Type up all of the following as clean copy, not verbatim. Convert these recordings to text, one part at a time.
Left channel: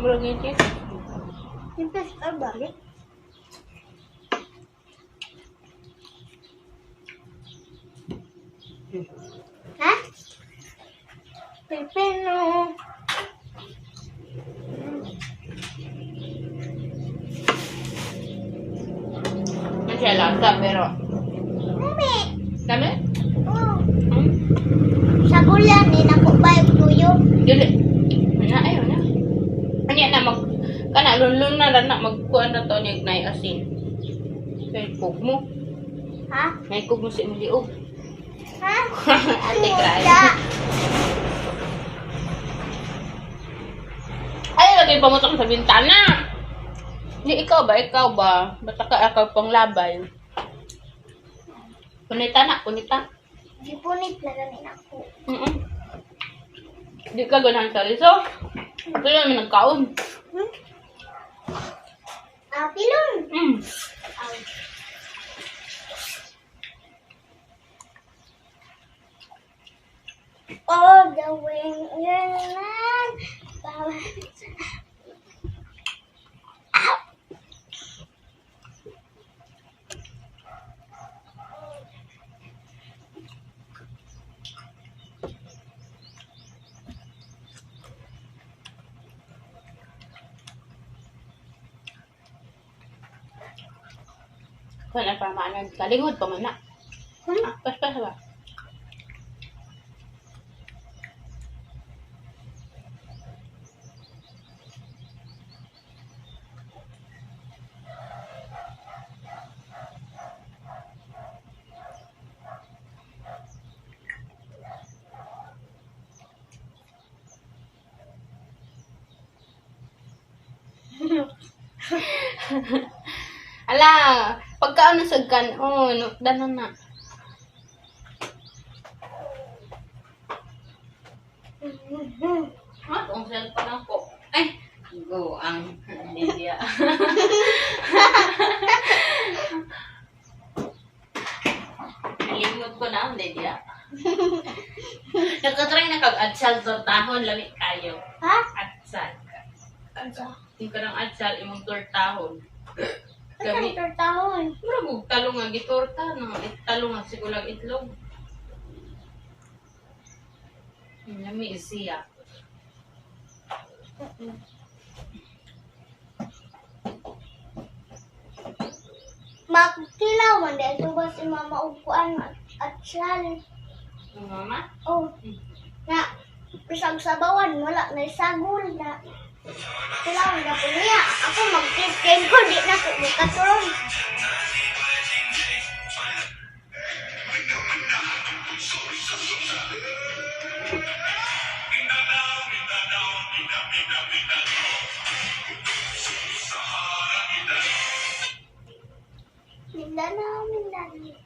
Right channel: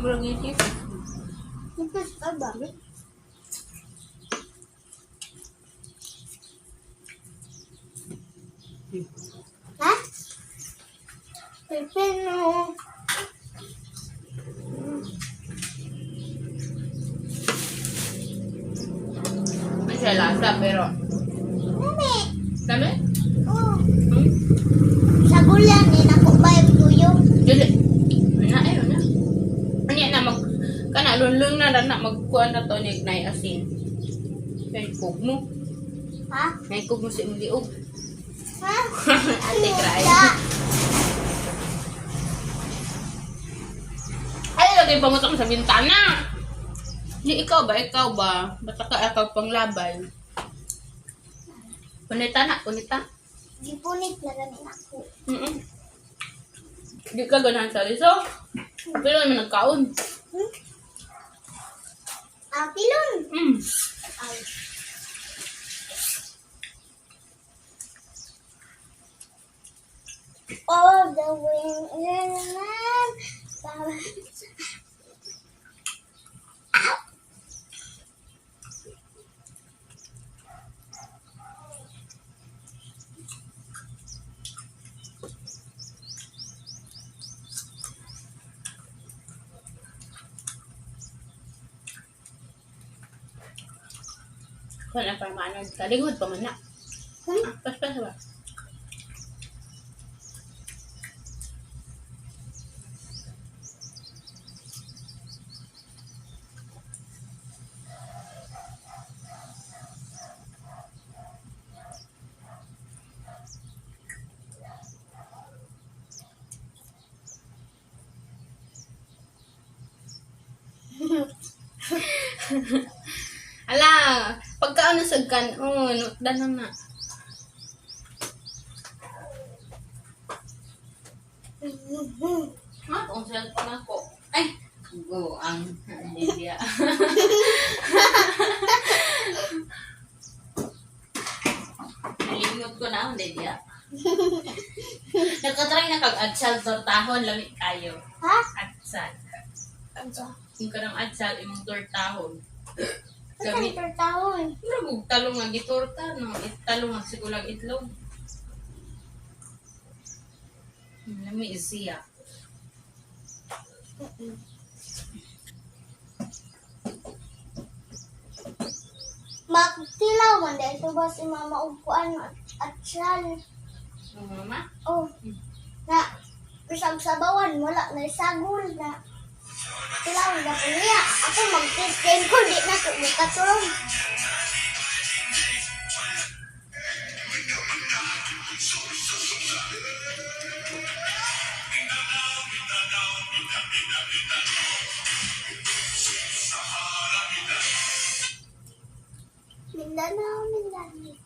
Murag yung chips. Siyempre, balik. Ha? Pipino. May siya lasa, pero... Mami. Dami? Oh. Sa gulan, nako ba yung tuyo? Dili. Ayaw na. Ano na mag... Kana, lunlung na lang na magkuhan na to niya na asin. Kaya kog mo. Ha? Naikog mo sa imong liog. Ha? Ate, cry. Wala. Ay, lagay pa mo sa bintana. Hindi, ikaw ba? Ikaw ba? Basta ka ikaw pang labay. Punita na, punita. Gipunit na ganin ako. Hindi ka ganahan sa riso. Ito lang nagkaon. Pilon. All the way in land. Kung na pa maanag, kalingod pa man na. Pas ba? Ala, pagkaano sa kanon, danon na. Kung cellphone ako. Ay, go ang Lydia. Nalimot ko na ang Lydia. Nakatry na kag-adsal tortahon, lamit kayo. Ha? Adsal. Ano? Yung kanang adsal, imong tortahon. Ano ang tortahon? Mura mo, talong nga gitorta, no? Talong nga sigulang itlog. Lami siya. Magtilaw man dahil ito ba si mama upuan at sal. Yung mama? Oh. Na, pisag sabawan, wala na isagol na. Tilaw na po niya. Ako mag-tip ko, di na ko makatulong. Mindanao, Mindanao.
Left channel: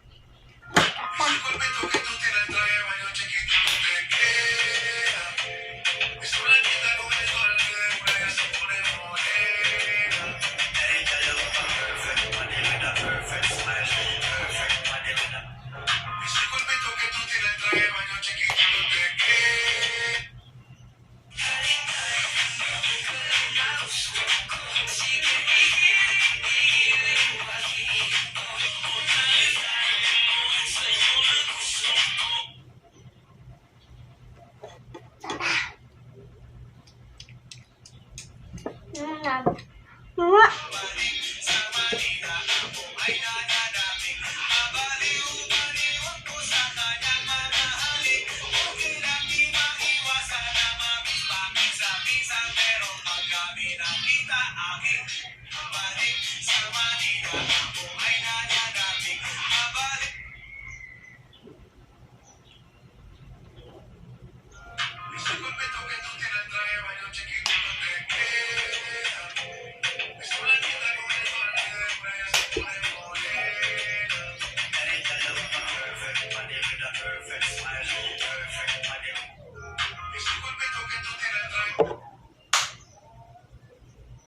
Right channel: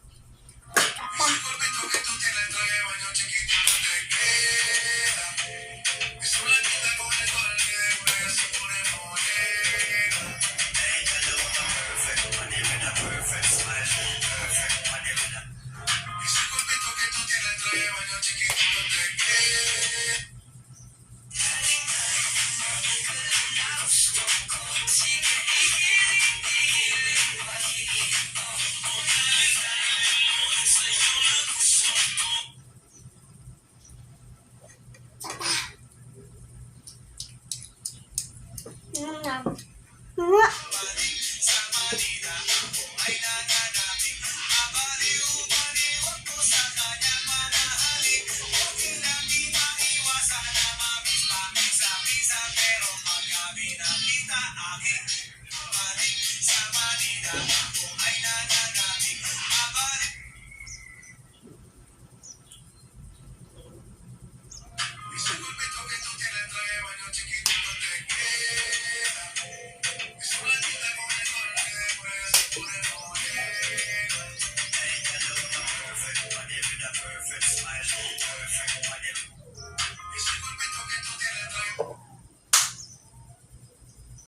Na.